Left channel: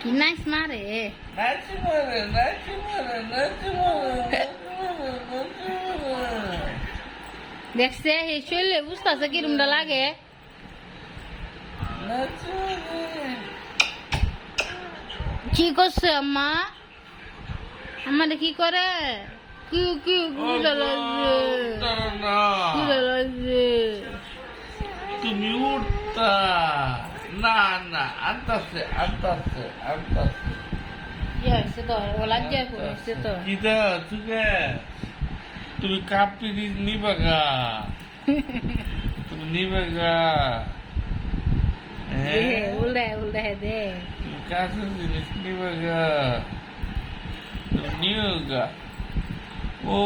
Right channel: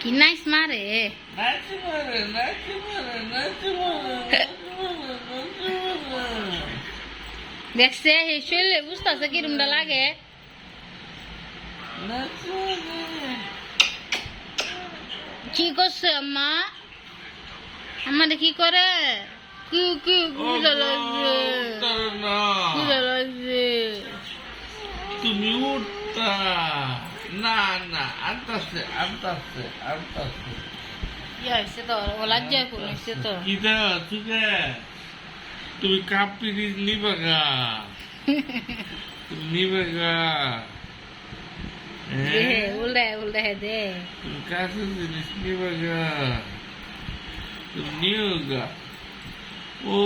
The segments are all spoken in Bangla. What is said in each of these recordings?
কি নাইস মারে? দেখছে এই শরীরে বুঝতেছে কিরমটা লাগে। কি করছে আম্মা? আমারে কি করে? কি কি বুঝা লাগছে। বুঝা লাগছে। তুমি উঠতা। না না আনতাছে আনতাছে আনতাছে কি হয়েছে তো ও লজ্জা করেছে তো কি দা তুকে তুমি কাপি নিবা গা তুমি নিবে গা দে হ্যাঁ? উল্টা উল্টা দে তুমি কাছে জিনিস নিবে গা তুমি নিও গা ও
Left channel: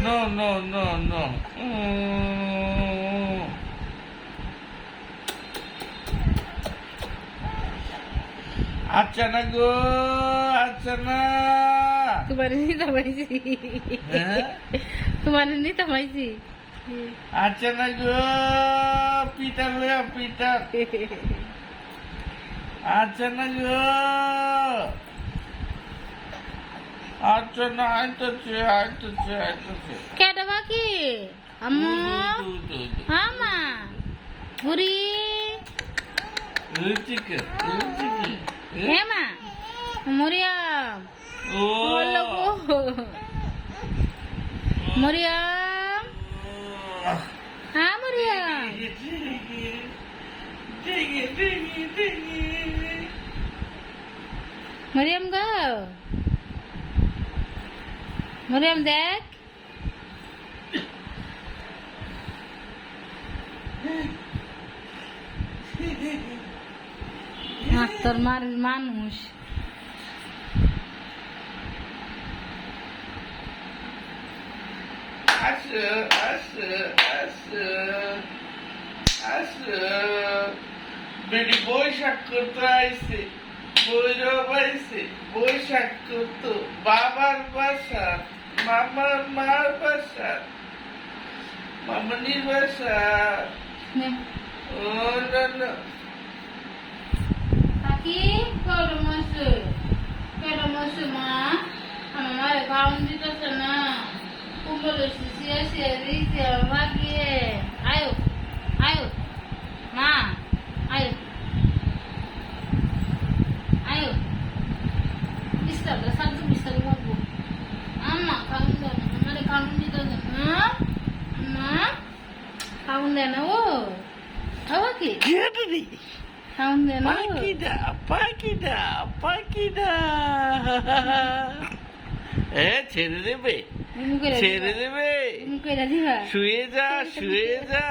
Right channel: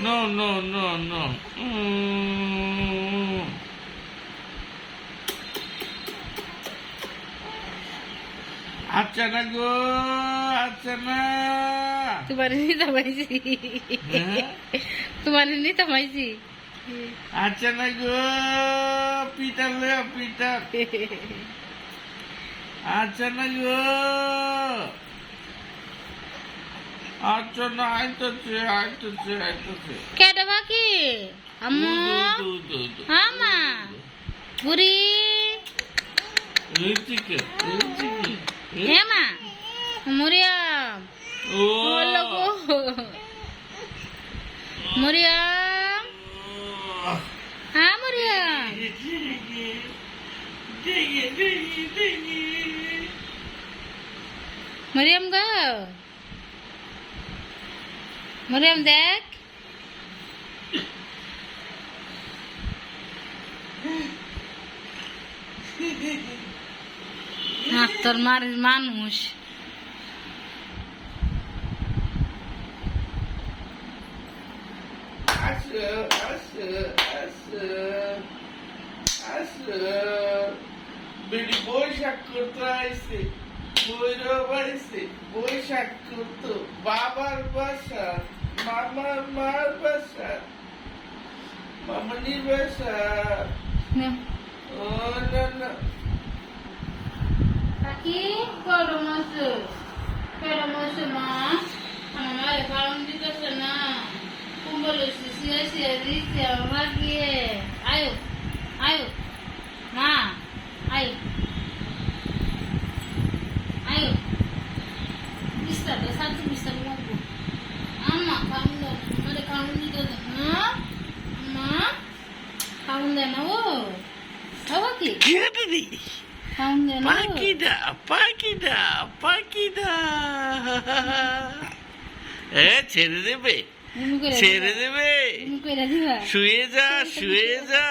No, no, no, no. Mm. আচ্ছা না গো আচ্ছা না। তোমার নিতে পাইছি হ্যাঁ? তোমার নিতে পাইছি আচ্ছা না গো পিতা লয়া পিতা আচ্ছা না গো। আচ্ছা না আইতেছে আইতেছে আইতেছে। কেটা বাকি? আম্মু। আমা বুড়ি? ঋতিকে ঋতিকে हे मरियम हा मरियम मरियम गो। मरियम देख। মরিয়াম দেখ তোর মার মানুষ। আসো আসো আসো আসো। বেটি বৈশাখ করতে আইসে ভৈরব আইসে বৈশাখ করতো বাবার বাসা মামার মার বাসা মামনির বাসা। ও না না। kau rumah kau rumah sema, mama kau di kau sana, kumpul sisia sieri siapa dia, ayo, ayo, ma, ayo, ayo, bisa besar tuh bisa luar bu, ama kau mama deh kau di kau ama kau udah nahu. পাখিটা পাখিটা পাখিটা এ ছেড়ে দেবে ছেড়ে দেবে. শুয়ে যা শুয়ে যা